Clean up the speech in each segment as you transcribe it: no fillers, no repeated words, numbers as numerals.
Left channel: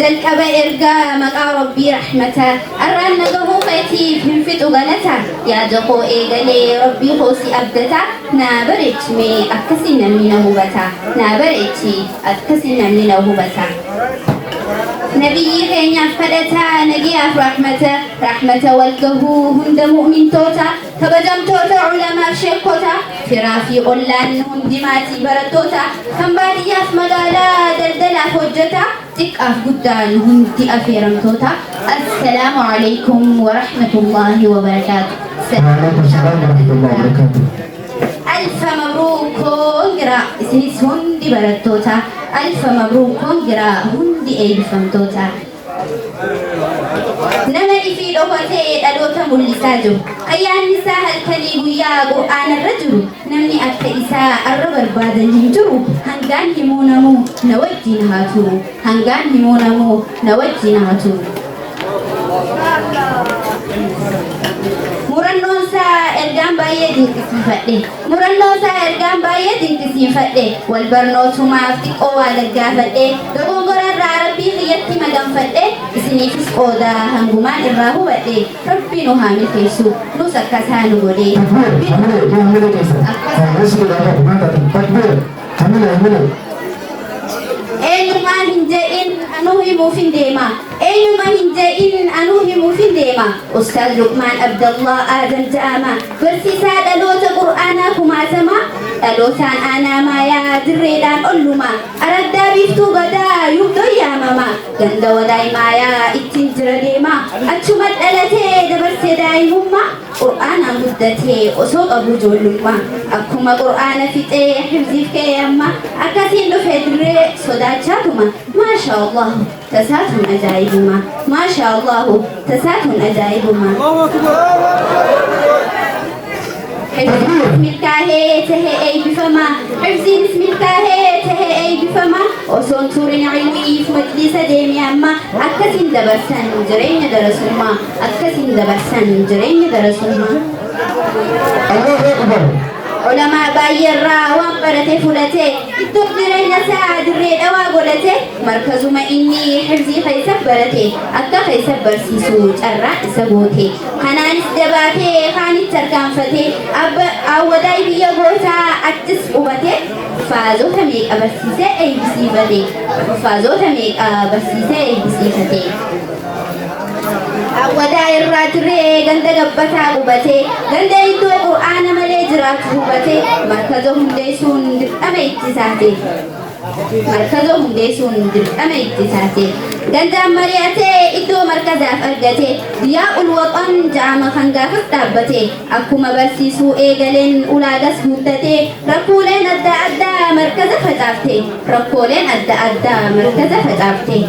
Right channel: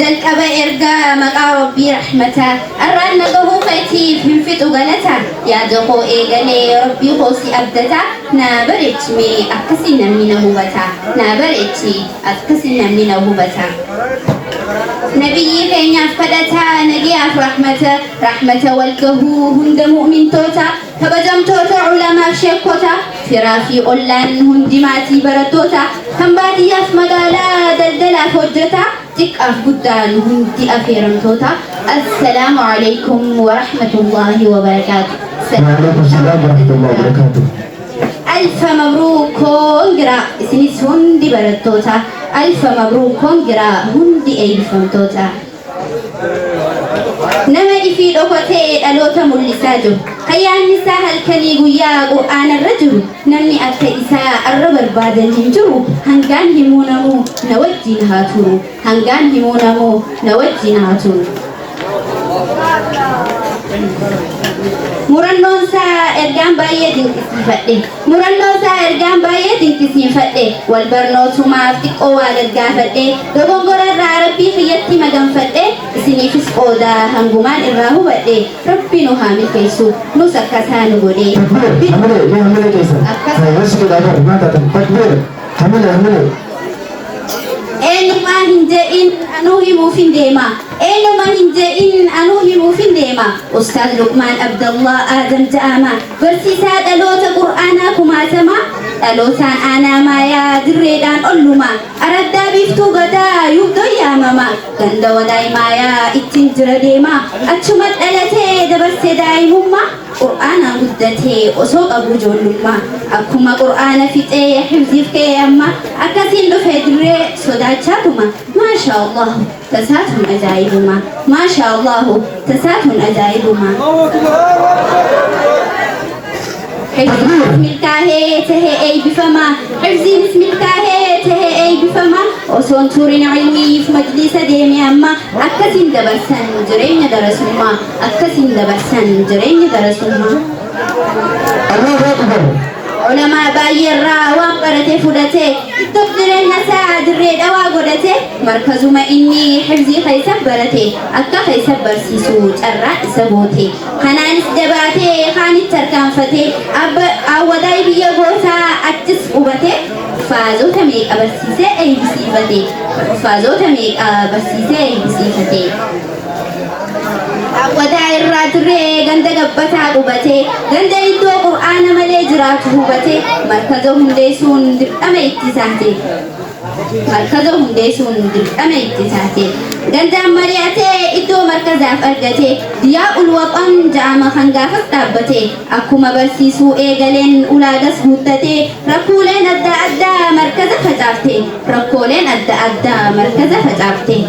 جلك أبا إرقا مقا ربي رحمته أران نقه خيتي فنفتو غلتا يا دقو إيغالي ربي خوصي أبدتا نابرتمي أكسنا منه بتا نابرتي أكسنا منه بتا نبي كينيا فدتا نجيا رحمته رحمته والقهو هند مؤمن توتا كبجم توتا علماء شيكوتا فرافي قلان هندماتي برتوتا كم بعد ياف مقالا دلدلا فوجتا تقف قدان هندي أفيرم توتا السلام عليكم ورحمة الله وبركاته. وعليكم السلام ورحمة الله وبركاته. ألف مبروك كونغرا سنس هندي برتوتا ألف مبروك كونغرا هندي أي فمتوتا نمدي في لغتي ألوتا ملساجو خيان نساء الكريم يا قرآن الرجل نمني أكتئساء الربر بعد الجنجو هنغان همونمو نوجي نهاتو هنغان همونمو نوجي نهاتو Murannosa ergaan baay'ee dinqisiifadhe murannosa ergaan baay'ee dinqisiifadhe wal barnootumaaf xiqqoo waa gaggaafadhe dogongorarraa rabbii kiyyatti maganfadhe isiniifis qoodaa hangumaan irraa hubadhe rabbii nu haa milkeessu nus akkasaa nu godhe eenyumaa hin je'in anuu himuuf hin deema eenyuma hin je'in anuu himuuf hin deema Ustaaz Luqmaan Abdallah Aadam Ja'amaa barsiisaa dhaloota qur'aanaa kumaatamaa dhalootaan aanaa maayaa dirreedhaan ollumaa araddaa biiftuu gadaa yuudoo yaamamaa ganda walaay maayaa ittiin jira deemaa achuma dhalatee dabarsee daa'imummaa qur'aanaa guddatee osoo qabu ijoollummaa akkuma qur'aana fixee hifziif ka'ee amma akkasiin dhufee dirree sodaachaatuma maasha Allah tasaatun ajaa'ibuma maasha Allah tasaatun ajaa'ibuma حفظين ملكاهي تهي أي بفما حفظين ملكاهي تهي أي بفما وصون تورين علمي في مجلس ديمي أما أكسين دبرسان جرين درسوما أكسين دبرسان جرين درسوما الله أكبر. علماء بايرا وقرته فلته تقدرين نساء دريد أوا قرته مركز ما إني حفظي خيسب برته أكا خيسب برسيسو جرع سبوته خنانس دباته خاني تركان فته أوداي بيغوتا أتس قبته فازو تميك أبرسيسي أي بسيفته فازو تميك أبرسيسي أي بسيفته أوداي الراتري غند قبتا قبته غند إدو قرآن ملي جرات هبته مركزهم ديسون درقم اتساته مركزهم ديسون درقم اتساته غند مرياته إدو مركزات أرقته دياء الوطن جامع خنقافت دابته أكما برسيسو إيغالين أولاغس هوتته ركولين أدى أدى مركز فتافته ركولين أدى أدى مركز فتافته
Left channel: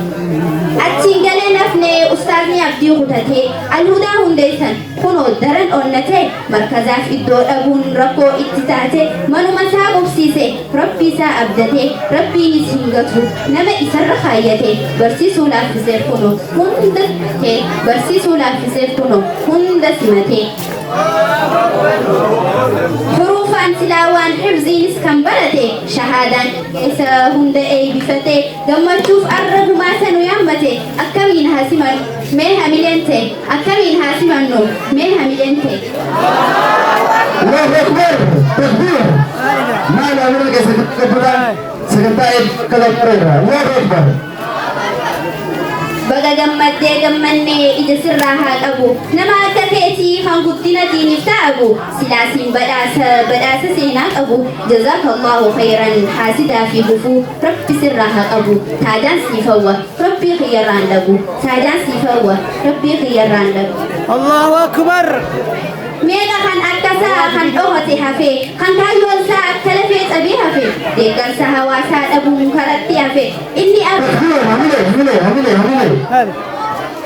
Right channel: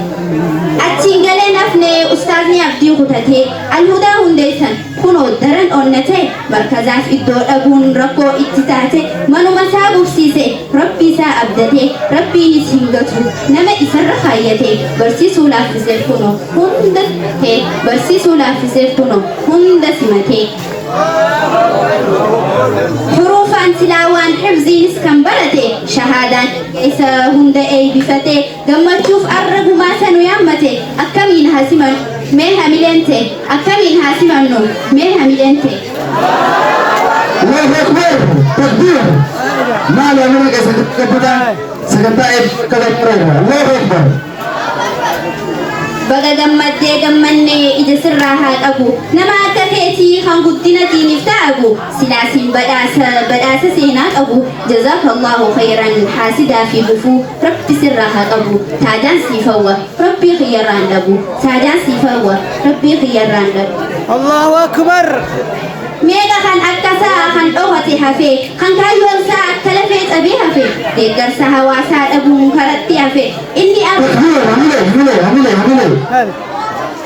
أتشينغالين أفني أستاذني أبدي هوتته الهدى هنديسن كنو درن أونته مركزات إدو أبون ركو اتتاته منو مسابق سيسي ربي سا أبدته ربي نسهنغتو نما إسر خايته برسيسو لافزي كنو هندته برسيسو لافزي كنو هندسمته حروفان تلاوان حفظي نسكن برته شهادان كيسا هند أي بفته دمر شوف أرب ما سنو يامته أكمين هاسمان ميها ميلنته أكمين هاسمان نو ميها ميلنته الله أكبر. تكبير. ما لا منك سكتة سكتة كذا الله أكبر. baga gammaddee gammannee ija sirraa haa qabu nama akka keetii kan guddina diiniif ta'abu silaasiin badhaasa seenaa qabu jazaakallahu khayran haasidaa fi gufuu rabbi sirraa haa qabu taajaan siifawwa rabbii khiyyarraan dhabu taajaan siifawwa rabbii khiyyarraan dhabu Allahu akbar. meeqa kan akkasaa kan dhoowwate hafee kan kaayyoonsaa akka lafee cabee hafee deeggarsa hawaasaa dhabuun karatti hafee inni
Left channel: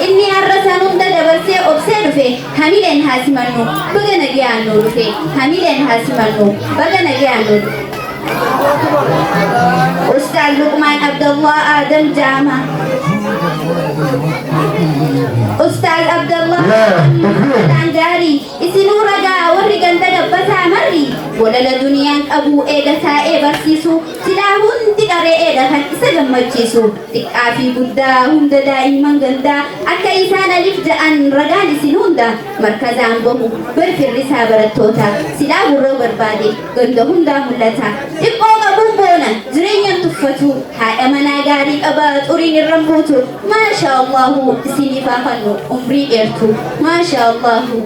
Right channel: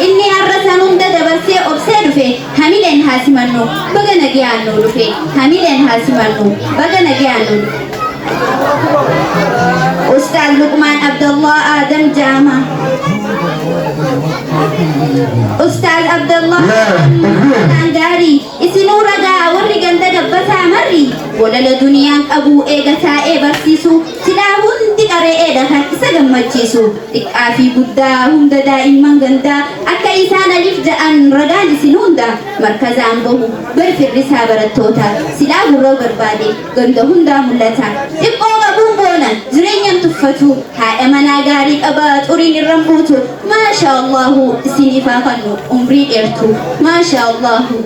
inni arrasan hunda dabarsee obsee dhufe hamileen haasimannu baga nagayaan nu dhufe hamileen haasimannu baga nagayaan nu dhufe Ustaaz Luqmaan Abdallah Aadam Ja'amaa Ustaaz Abdallah Tangari isinuu ragaa warri ganda dabbasaa marri walala duniyaan qabuu eega taa'ee barsiisu silaa hundi qaree eeda kan isa gammadu gammachiisu xiqqaa fi guddaa hunda daa'imman gandaa akka isaan alif ja'an ragaan isin hunda markazaan bahu barfirrisaa barattoota silaa gurroo barbaade ganda hundaa mul'ata xiqqoo qabuun boona jireenyaan tuffatu haadha manaa gaarii qabaa xuriin irraan buutu maasha Allahu isiniif haa fannu umrii dheertu maasha Allahu.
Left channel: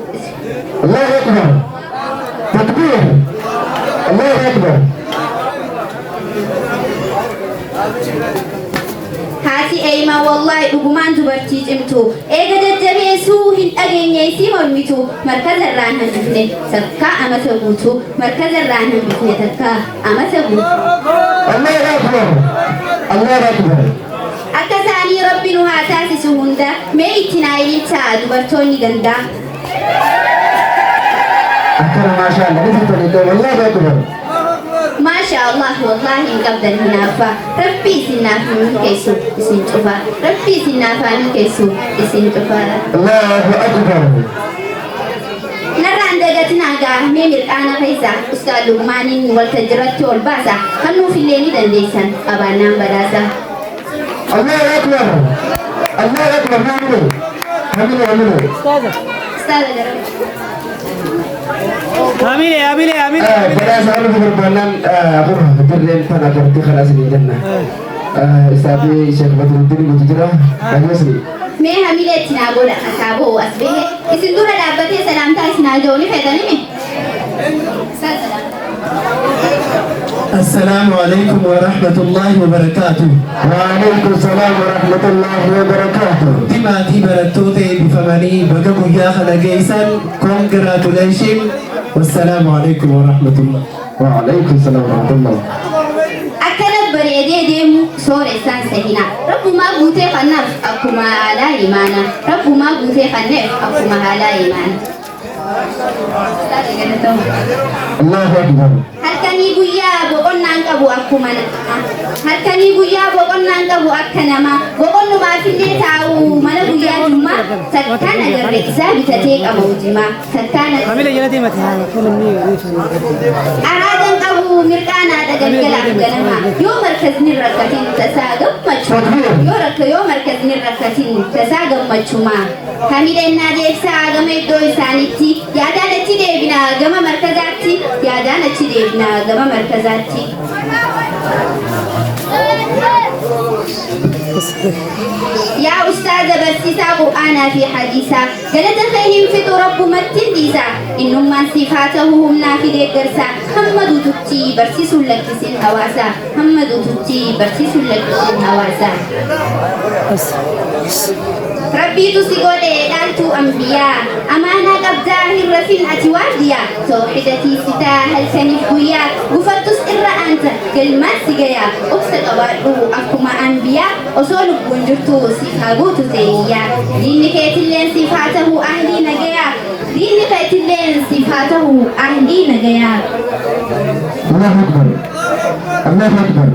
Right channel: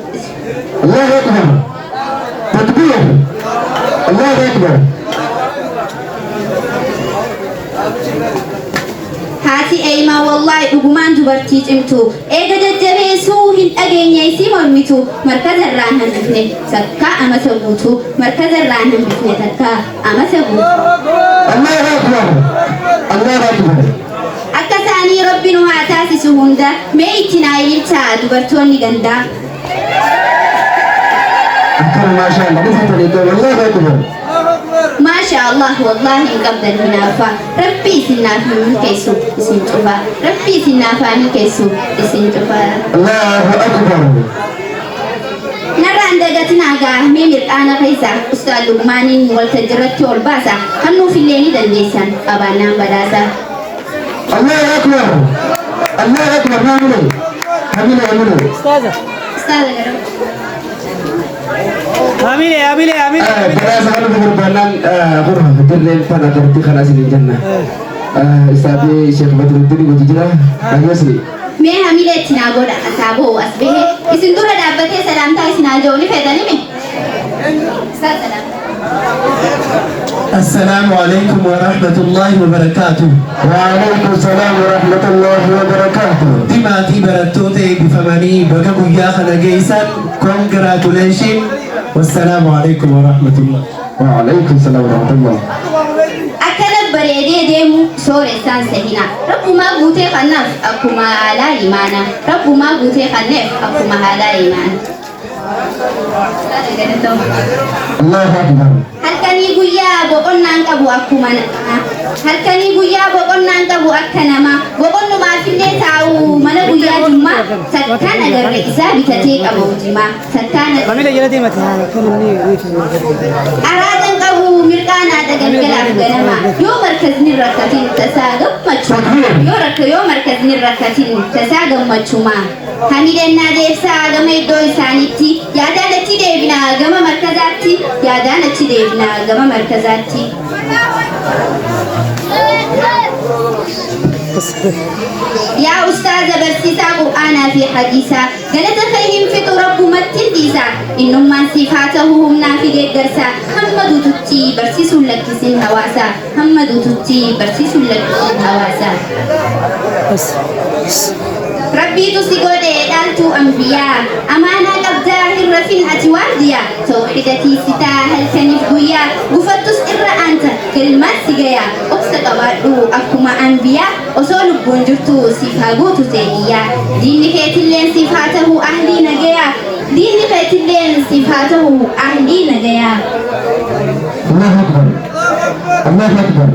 Allahu Akbar. Takbir. Allahu Akbar. Haati eeymaa wallaahi dhugumaan dubartii cimtu eega jajjabeessuu hin dhageenyeessii mormitu markazarraan hambifne takkaa amata guutu markazarraan hambifne takkaa amata guutu. Allahu Akbar. Allahu Akbar. Akka isaanii rabbi nu haa taasisu hunda mee itti naa ililchaa dubartoonni gandaa. Akkana maasha Allah dhufatan iddoo Allahu Akbar. Masha Allah wallahi hin qabdan hinaafa rabbi isinaaf milkeessu isin cufa rabbi isinaaf milkeessu isin cufa. Allahu Akbar. Narraan dagatinaa gaahmee mirqaana keessa Ustaad Lugmaaniin waltajjiirratti ol baasa kan nuuf illee ni dandeessan qabaannaan badhaasa. Allahu Akbar. Allahu Akbar. Naamunu. Aminu. Ustaza. Ustaad Garba. Amile. Badhaasa kan nuti barbaadan dirreen tana jirti kalaas ni jenna. Istaafi Sheekh Badruddin nuti jira. Dhageessni. Mee hamileetti naa godha asaaboo as bahe isin dura dhaabbatee salaamtaa isin haaja'uu ni feetanii mi? Ustaad salaam. السلام عليكم ورحمة الله وبركاته. وعليكم السلام ورحمة الله وبركاته. دماتي برتوتي بفماني بقبو يا خلقيسان congratulation والسلام عليكم ورحمة الله. وعليكم السلام ورحمة الله. Akkana bareedee deemu sooressan sehina rabbumaa guutee kannaaf akkuma haalaa imaana rabbumaa guutee kanneef akkuma haalaa imaana. الله أكبر. Halkanii guyyaa boqonnaan qabu akkuma halkanii guyyaa boqonnaan qabu akka namaa boqonnumaaf illee taa'u mana guyyaa jummaa sattaan agarre isaa bitatee qabu jimaa sattaan Amile jalatti mati haa kan namni araadan qabu mirqaanaadha galgalaaf ganama yoo markazni rakkatiin tasaa gammachuu yoo markazni rakkatiin tasaa gammachuumaa hamidannaa deebsaa gama iddoo isaaniitti yaadaan achi deebinaa gama markazaatti yaadaan achi deebinaa gama markazaatti. يا أستاذ برسيسا قرآنا في حديثا قالت فيهم فطر رب متنديسا إنما صفاته هم نافذ الدرسا محمد تتي برسيس لك سن هواسا محمد تتي برسيس لك سن هواسا ربي تسيقود إلالتو أنبياء أمانا قبدا هرفين أتوارديا توحدتي ستا هل كنفقيا قفتس إرى أنت كلمات سيقيا أقسى قبادو أفكما أنبياء أصول بونجرتو صفاقوتو تينيا دين كيتلين صفاته أهلي نجيا دين كيتلين صفاته أهلي نجيا. الله أكبر. الله أكبر.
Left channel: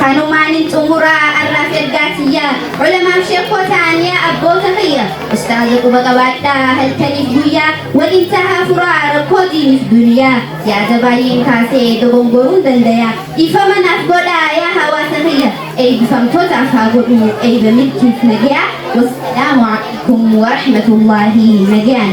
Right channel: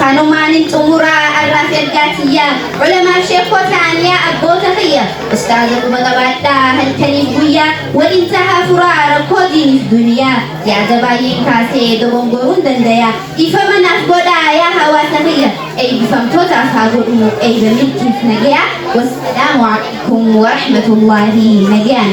خانومان تمرا الرافع قاتية علماء شيخو ثانية أبو تقية أستاذ بغباتا هل كنفوية وإنتهى فرار كودين في الدنيا يا دبايين كاسي دبنغرون دنديا إفمن أفقودا يا هوا تقية أي بفم توتا فاقودو أي بملكي نجيا والسلام عليكم ورحمة الله نجيا.